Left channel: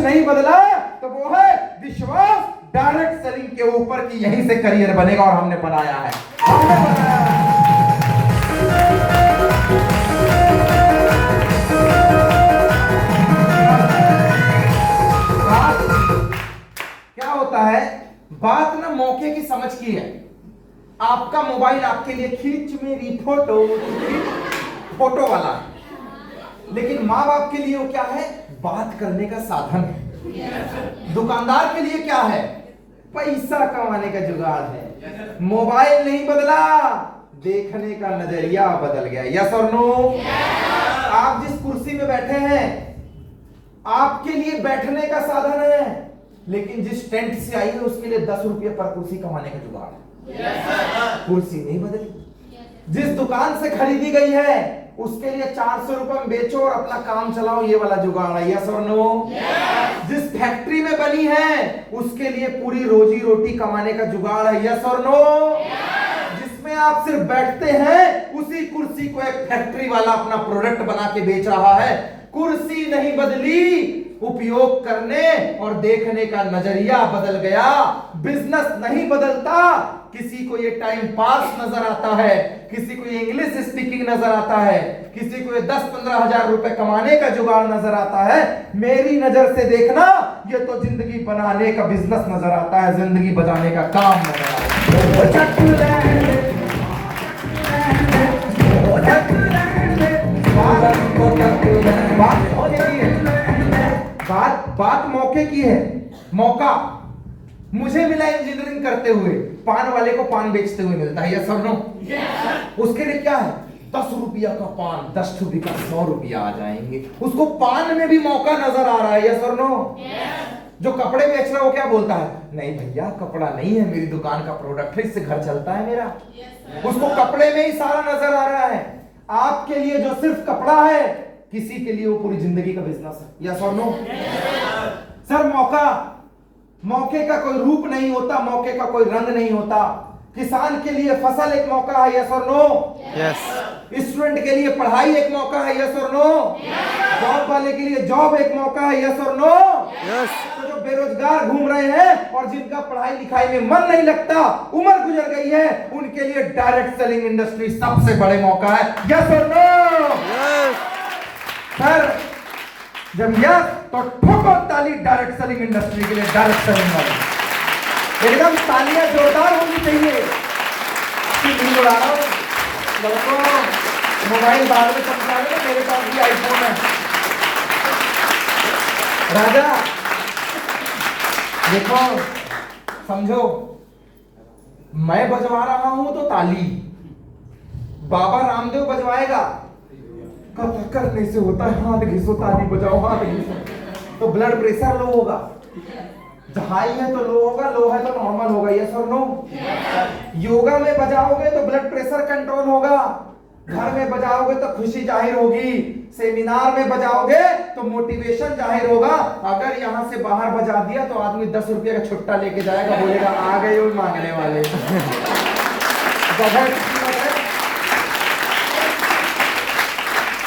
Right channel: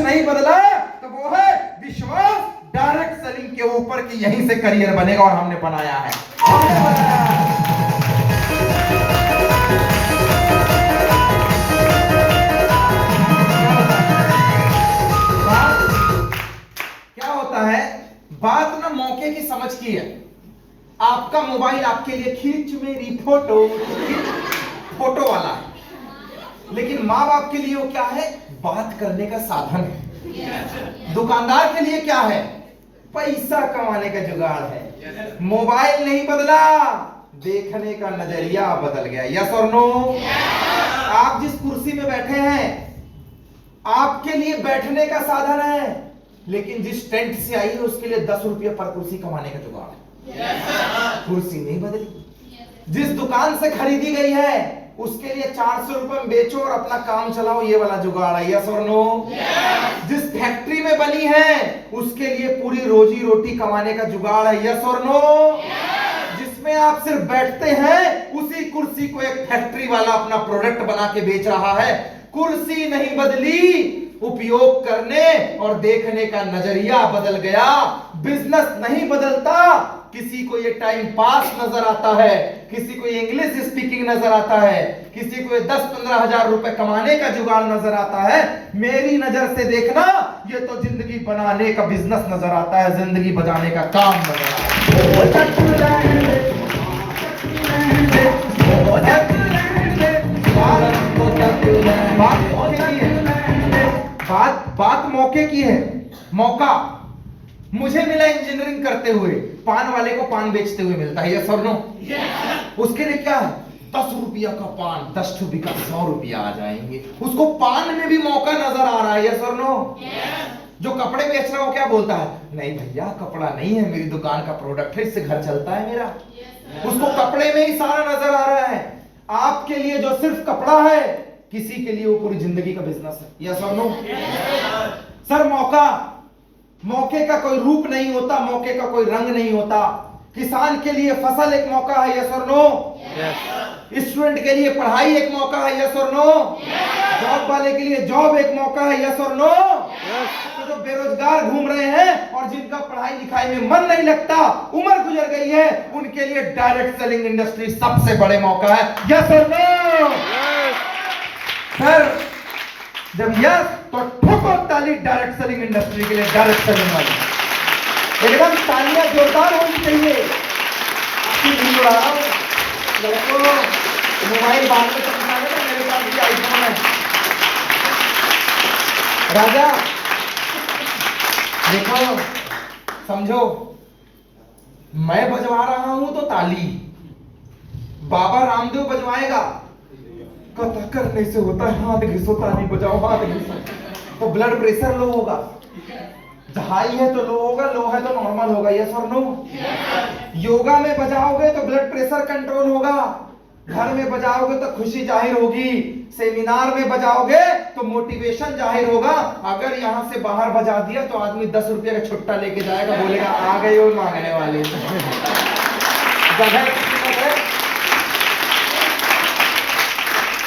नहीं बदला तो वो है विश्वास डायरेक्ट सेलिंग के ऊपर कि यहीं से करियर बनेगा, और हमने बनाया है, हमने बनाया है। क्या होता है, बात ना मौके की समझ की है। आपका मोबाइल आपके लिए खींच मेरी फोटो फोटो वाला है, लेकिन माँ बाप के लिए वो क्या है, बात करने का साधन है। दुकानदार के लिए क्या है, पैसा कमाने का जुगाड़ है। मोबाइल नहीं बदला, देखने का नजरिया बदल गया। यस और नो? आप जिस कुर्सी में बैठे हैं आपके लिए बैठने का साधन है, लेकिन जिस टेंट से आई है उसके लिए 10 रुपये पर कुर्सी कमाने का जुगाड़ है। कुर्सी नहीं बदली। जिस दुकान से खरीदी गई है उसके लिए 400 रुपए में बेचो और अपना काम चलाओ, ये वाला जुगाड़ है। यस और नो? जिस फैक्ट्री में बनी है उसके लिए पूरी रोजी रोटी कमाने का जुगाड़ है। यस और नो? जिसमें आप सिर्फ बैठते हैं उसी कुर्सी को एक फैक्ट्री वाला अपना प्रोडक्ट बना के बेच रहा है। कुर्सी नहीं बदली, उपयोग करने और देखने का नजरिया बदल गया। बिजनेस नहीं बदलता, किसी को ये टाइम पास नजर आता है, किसी को ये इंग्लिश स्पीकिंग नजर आता है, किसी को ये 10-15 हजार रुपए कमाने का जुगाड़ नजर आता है। मेरी नजर से देखना, ये तो जिंदगी बनाने का बिजनेस नजर आता है, जिंदगी बचाने का काम नजर आता है। बात मौके की है। मौका मुझे मिला इंजीनियरिंग करते हुए, पान वाले को पान बेचते हुए मिलता है। यस और नो? उसके लिए क्या है, 10 रुपया का पान 10 रुपये का 100 रुपया आ जाएंगे। उसको पान में भी मौका नजर आ रहा है। यस और नो? जो कपड़े बेच रहा है वो क्या बोलता है, नहीं भैया कपड़ा नहीं है, मेरी दुकान का प्रोडक्ट है, इससे घर चलता है मेरा। उसको कपड़े में ही सारा नजर आ रहा है। आपके लिए जो सिर्फ कपड़ा है, किसी के लिए वो पूरी जिंदगी का बिजनेस है। यस और नो? सर मौके का कोई रूप नहीं होता, मौके का कोई रंग नहीं होता। किसान के लिए फसल एक मौका है। यस और नो? स्टूडेंट के लिए पढ़ाई एक मौका है। यस और नो? जॉब वाले के लिए जॉब एक मौका है। यस और नो? तो जो बेरोजगार घूम रहे हैं और जिनका पढ़ाई लिखाई में मन नहीं लगता, उम्र गुजर गई है, उनके लिए डायरेक्ट सेलिंग इंडस्ट्री सबसे बड़े मौका है। यस और नो? सर जब यस तो ठोको ताली डायरेक्ट सेलिंग इंडस्ट्री के लिए, डायरेक्ट सेलिंग वाली एकदम तालियां जोरदार होनी चाहिए। आपकी नहीं उड़ा रहा हूं लड़कों, मोबाइल बाद में समझा रहे, मेरे पास भी आईफोन है। राजा देखो समझो, मैं बजवा रहा हूं तो ताली, बाबा रामदेव बजवाएगा, कथा करने से होता है हाथ घिसो ताली बजाओ, हाथ घिसो तो ब्लड प्रेशर लो होगा, हाई है तो लो होगा, लो है तो नॉर्मल होगा। यस और नो? योगा में बजाओगे तो ब्लड प्रेशर कंट्रोल होगा, घर में बजाओगे तो खुशी जाहिर होगी, सेमिनार में बजाओगे तो मोटिवेशन जाहिर होगा। अगर यहां से बाहर बजा दिया तो आदमी 10 रुपये का छुट्टा लेके जाएगा, बोलेगा आ गए वो मांगने वाले। जगह की कीमत है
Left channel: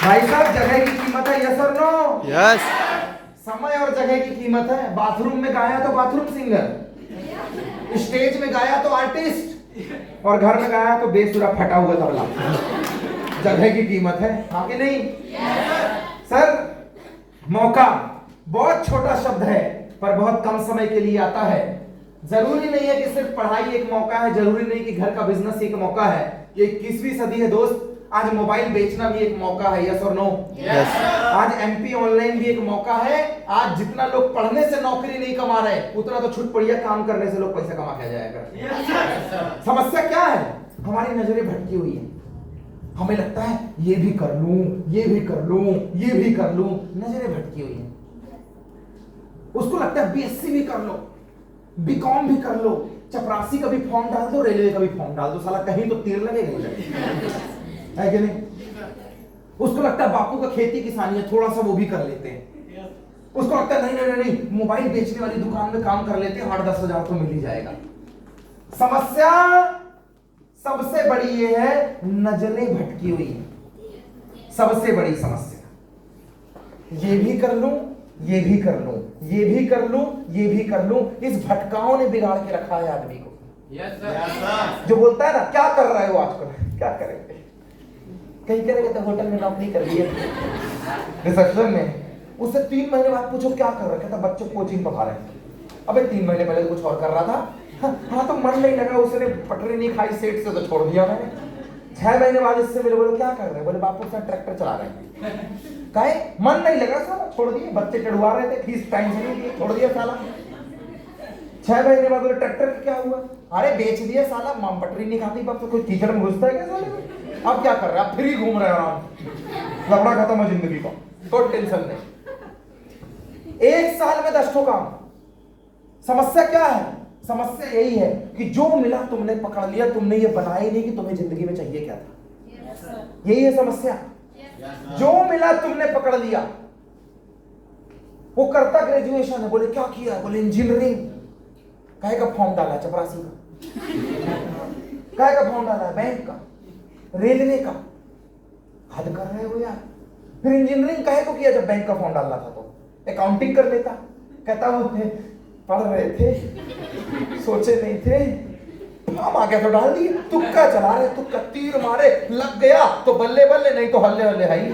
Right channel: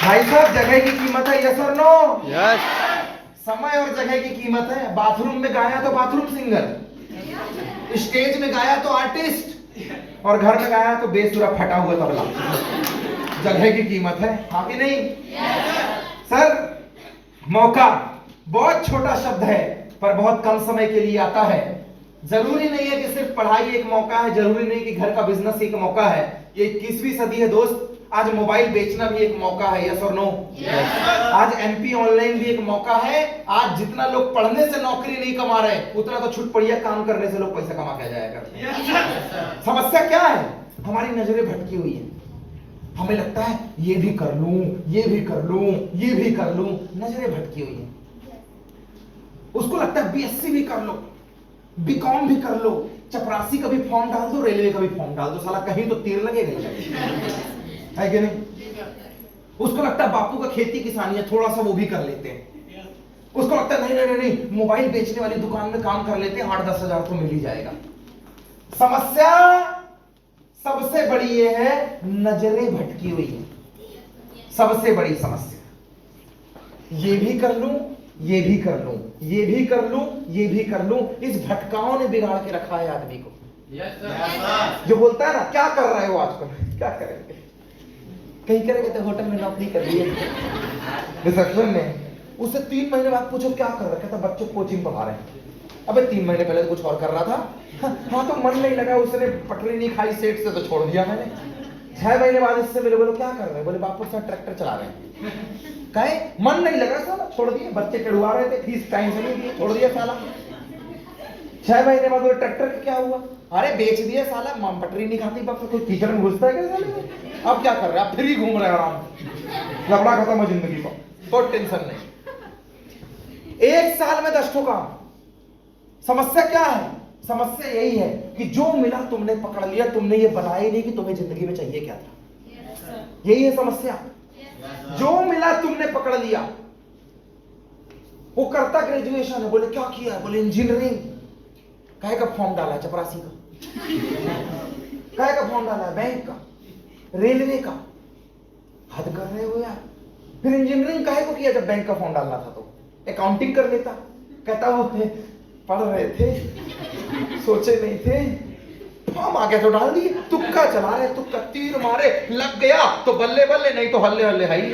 भाई साहब, जगह की कीमत है। यस और नो? यस। समय और जगह की कीमत है। बाथरूम में गाया तो बाथरूम सिंगर, स्टेज में गाया तो आर्टिस्ट, और घर में गाया तो बेसुरा फटा हुआ तबला। जगह की कीमत है, हाँ कि नहीं? सर मौका बहुत छोटा शब्द है पर बहुत कम समय के लिए आता है। जरूरी नहीं है कि सिर्फ पढ़ाई एक मौका है, जरूरी नहीं कि घर का बिजनेस एक मौका है। ये 21वीं सदी है दोस्त, आज मोबाइल बेचना भी एक मौका है। यस और नो? आज एमपी ऑनलाइन भी एक मौका है। आज जितना लोग पढ़ने से नौकरी नहीं कमा रहे, उतना तो छुटपुड़िया काम करने से लोग पैसा कमा के जाएगा। समस्या क्या है, हमारी नजरें भटकी हुई है। हमें लगता है ये भी कर लूं, ये भी कर लूं, ये भी कर लूं, नजरें भटकी हुई है। उसको लगता है बीएससी भी कर लो, बीकॉम भी कर लो, चपरासी का भी फॉर्म डाल दो, रेलवे का भी फॉर्म डाल दो, साला कहीं तो तीर लगेगा है कि नहीं? उसको लगता है बापू का खेती किसानी है, थोड़ा सा वो भी कर लेते हैं। उसको लगता है नहीं नहीं नहीं, मोबाइल बेचने वाली दुकान में काम कर लेते हैं, 8-10 हजार तो मिल ही जाएगा। समस्या सबसे बड़ी ये है, नजरें भटकी हुई है। सबसे बड़ी समस्या ये भी कर लूं, ये भी कर लूं, ये भी कर लूं, ये भी कर लूं। इस भटकाओं ने बिगाड़ के रखा है आदमी को। जो बोलता है ना क्या कर रहे हो आजकल, क्या करेंगे, कहीं करेंगे तो होटल में नौकरी कर ली रिसेप्शन में। उससे 3 महीने बाद पूछो क्या कर रहा, कहता बच्चों कोचिंग पढ़ा रहे हैं। अबे 3 महीने पहले तो कुछ और कर रहा था। हाँ तो मन नहीं लगा, उसने पटरी नहीं खाई सेठ से तो छोड़ दिया मैंने। 6 महीने बाद इससे मेरे बोले क्या कर रहे हैं, बोले बापू साहब ट्रैक्टर चला रहे हैं। कहे मन नहीं लगा साला, छोड़ दिए। बच्चे चढ़वा रहे थे, फीस टाइम से नहीं दिए, छोड़ दिया साला। 6 महीने बाद बोले ट्रैक्टर का क्या हुआ, अरे बेच दिया साला, पटरी नहीं खाती बाप, तो कोई कीचड़ में घुसता है क्या साले। अब क्या कर रहे हैं, अब फ्री घूम रहे हैं आराम, लफड़ा खत्म है जिंदगी का, कोई टेंशन नहीं। 1 साल में 10 काम। समस्या क्या है, समस्या यही है कि जो मिला तुमने पकड़ लिया, तुमने ये बनाया ही नहीं कि तुम्हें जिंदगी में चाहिए क्या था। यही है समस्या। जो मिला तुमने पकड़ लिया। वो करता ग्रेजुएशन है, बोले क्या किया, बोले इंजीनियरिंग। काहे का फॉर्म डाला, चपरासी का। काहे का फॉर्म डाला, बैंक का, रेलवे का। हद कर रहे हो यार। फिर इंजीनियरिंग काहे को किया जब बैंक का फॉर्म डालना था, तो अकाउंटिंग कर लेता। कहता वो थे पढ़ रहे थे, सोचे नहीं थे, फॉर्म आ गया तो डाल दिए। तुक्का चला रहे, तुक्का तीर मारे, लग गया तो बल्ले बल्ले, नहीं तो हल्ले हल्ले है ही।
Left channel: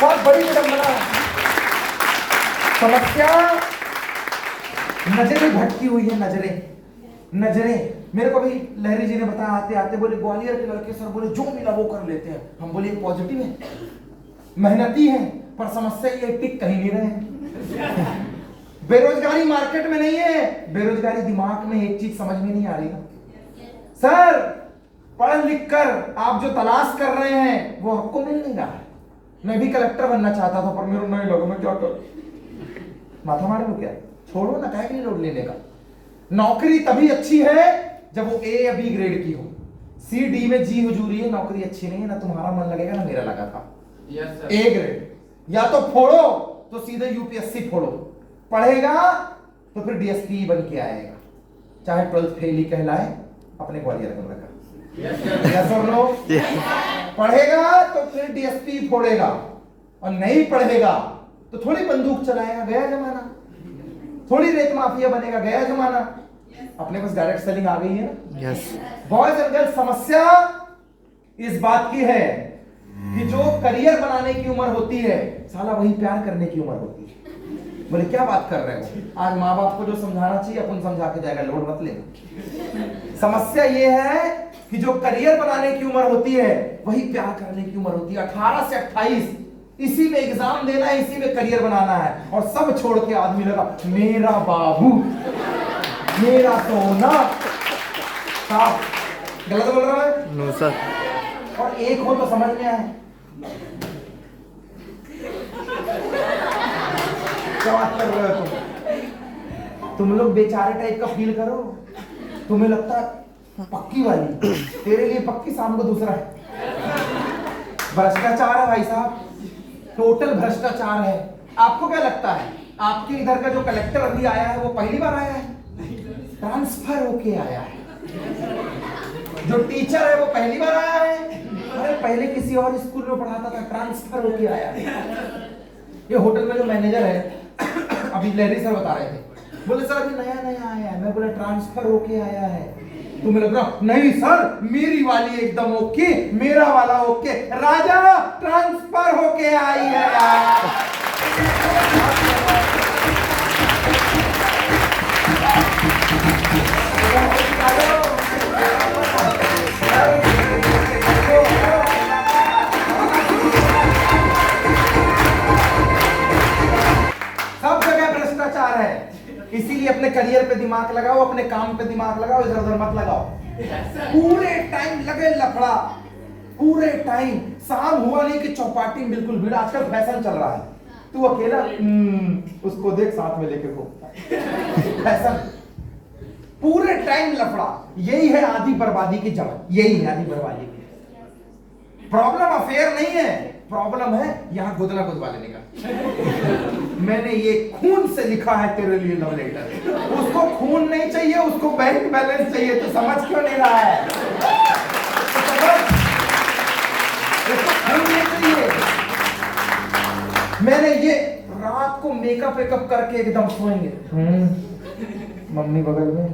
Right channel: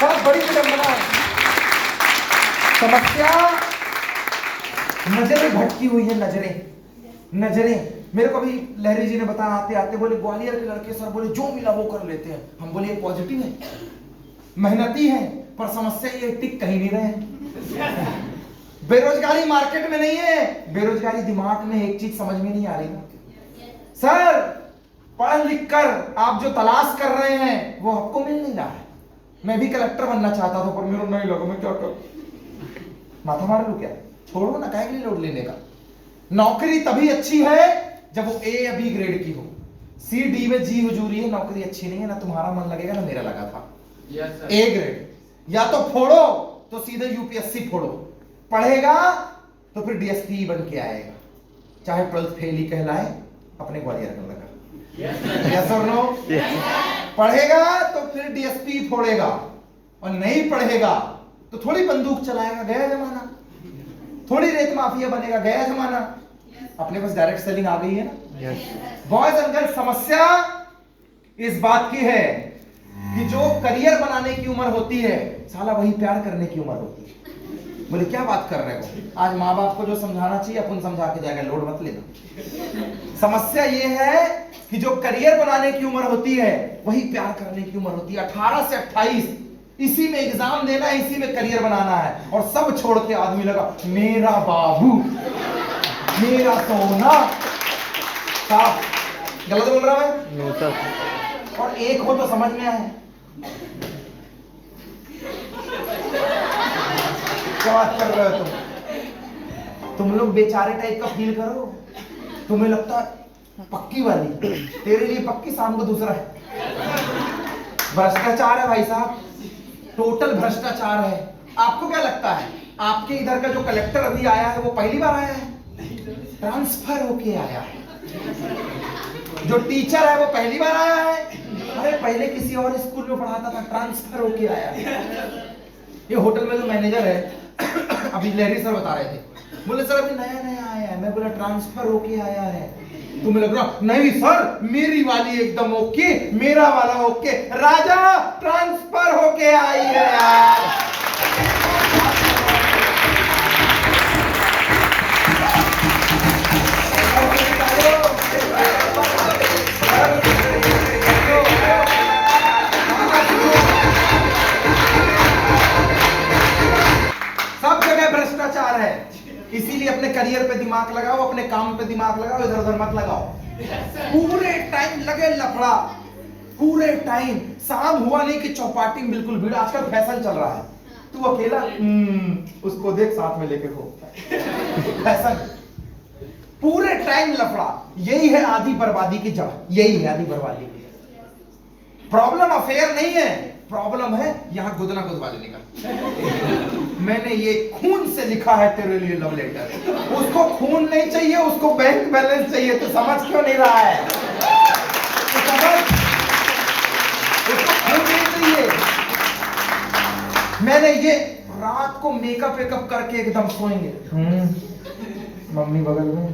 बहुत बड़ी विडंबना है। समस्या नजरें भटकी हुई है, नजरें। मेरे को भी लहरी जी ने बताया आते आते, बोले ग्वालियर के लड़के सर बोले जो मिला वो कर लेते हैं। हम बोले पॉजिटिव है, मेहनती है, पर समस्या ये टिक कहीं नहीं रहे। बेरोजगारी मार्केट में नहीं है, बेरोजगारी दिमाग में। एक चीज समझ में नहीं आ रही ना सर, पढ़ लिख कर आप जो तलाश कर रहे हैं वो आपको मिल नहीं रहा है। मैं भी कलेक्टर बनना चाहता था, पर मेरे नहीं लगा, मैं क्या कर, माथा मार लूं क्या, छोड़ो ना, काहे के लिए लोड लेने का। नौकरी तभी अच्छी है जब वो ए या बी ग्रेड की हो। सी डी में जी हुजूरी है, नौकरी अच्छी नहीं है। ना तुम्हारा मन लगेगा ना मेरा लगा था। ए ग्रेड या तो फोड़ो तो सीधे यूपीएससी फोड़ो, पढ़ेगा तो फिर डीएसपी बन के आएगा, चाहे 12th फेल ही कहलाए अपने ग्वालियर में लगा। यस और नो? पढ़ेगा तो फिर डीएसपी फोड़ेगा, और नहीं पढ़ेगा तो थोड़ी बंदूक चलाएगा, गया जमाना। थोड़ी रेत माफिया बनेगा, गया जमाना। अपने पास डायरेक्ट सेलिंग आ गई है ना। यस। बॉयज एंड गर्ल्स, समस्या इस बात की है कि जो करियर बनाने की उम्र होती है, साला वही प्यार करने की उम्र होती है। बोले क्या बात कर रहे हो, आज माँ बाप को जो समझाना चाहिए अपन समझा के जाएगा, लोड मत लेना। समस्या ये है कि जो करियर बनाने की उम्र होती है वही प्यार करने की उम्र होती है। 18 से 28 इसी में एग्जाम देना है, इसी में करियर बनाना है, और सब छोड़ के आदमी लगा मेरा बाबू, मेरा सोना। साहब गलत बोल रहा है? No sir. और एक हो तो समझ में आए, क्या बात कर रहे हो तुम लोग बेचारे टाइप का फील करो। तुम्हें लगता पक्की वाली, तेरे लिए पक्की, शाम को दूसरा है। भ्रष्टाचार है भाई साहब, टोटल भ्रष्टाचार है। आपको क्या लगता है आपके इधर का जो कलेक्टर अभी आया है वो पहली बार आया है? ट्रांसफर होके आया है। जो टीचर है वो पहली बार आया है? अरे पहले किसी और स्कूल में पढ़ाता था, ट्रांसफर होके आया है। ये होटल में जो मैनेजर है, अभी लहरी सर बता रहे थे, बोले सर अभी नया नया आया है। मैं बोला ट्रांसफर होके आया है। तुम्हें लग रहा नहीं सर, मेरी वाली एकदम ओके, मेरा वाला ओके, राजा ट्रांसफर होके आई है यार। सब जगह भ्रष्टाचार है, इसीलिए अपने करियर पे दिमाग लगाओ, अपने काम पे दिमाग लगाओ, इधर उधर मत लगाओ। पूरे टाइम लगे लफड़ा, पूरे टाइम। शाम हुआ नहीं कि चौपाटी में बिल्कुल भीड़। आजकल फैशन चल रहा है, तू अकेला उसको देख साथ में लेके को फैशन। पूरे टाइम लफड़ा, यही है आधी बर्बादी की जड़, यही है आधी बर्बादी की। प्रॉब्लम अफेयर नहीं है, प्रॉब्लम है यहाँ गुदना गुदवा देने का। मैंने ये खून से लिखा है तेरे लिए लव लेटर। उसको खून नहीं चाहिए, उसको बैंक बैलेंस चाहिए। तो समझ क्यों नहीं रहा है? तो समझ, उसको खून नहीं चाहिए। मैंने ये रात रात को मेकअप वेकअप करके एकदम सोएंगे। मम्मी बगल में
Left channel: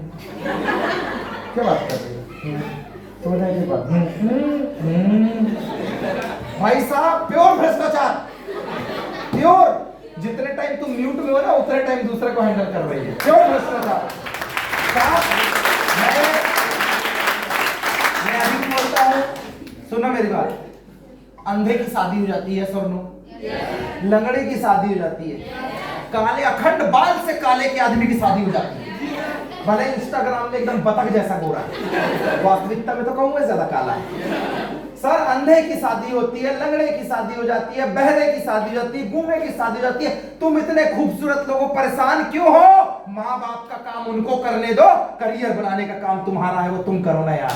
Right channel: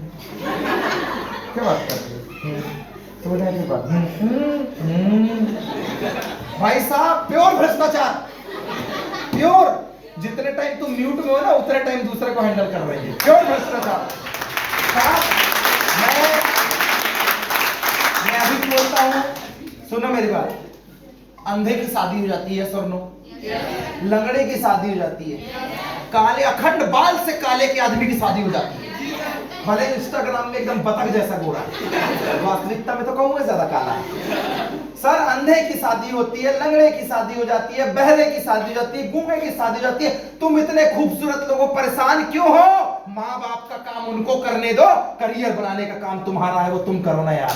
क्या बात कर रही है? सोने की बात। भाई साहब प्योर भ्रष्टाचार, प्योर। जितने टाइम तुम म्यूट में हो ना उतने टाइम दूसरे को हैंडल कर रही है, प्योर भ्रष्टाचार। मैं अभी भी बोलता हूं, सुनो मेरी बात। अंधे की शादी हो जाती है, सुनो, लंगड़े की शादी हो जाती है, काले अखंड बाल से काले के आदमी की शादी हो जाती है, भले इंस्टाग्राम में एकदम बतख जैसा गोरा है, वास्तविकता में तो कहूँ ज्यादा काला है। सर अंधे की शादी होती है, लंगड़े की शादी हो जाती है, बहरे की शादी हो जाती है, गूंगे की शादी हो जाती है। तुम इतने खूबसूरत लोगों परेशान क्यों हो? माँ बाप का काम उनको करने दो, करियर बनाने का काम तुम्हारा है, वो तुम करो ना यार।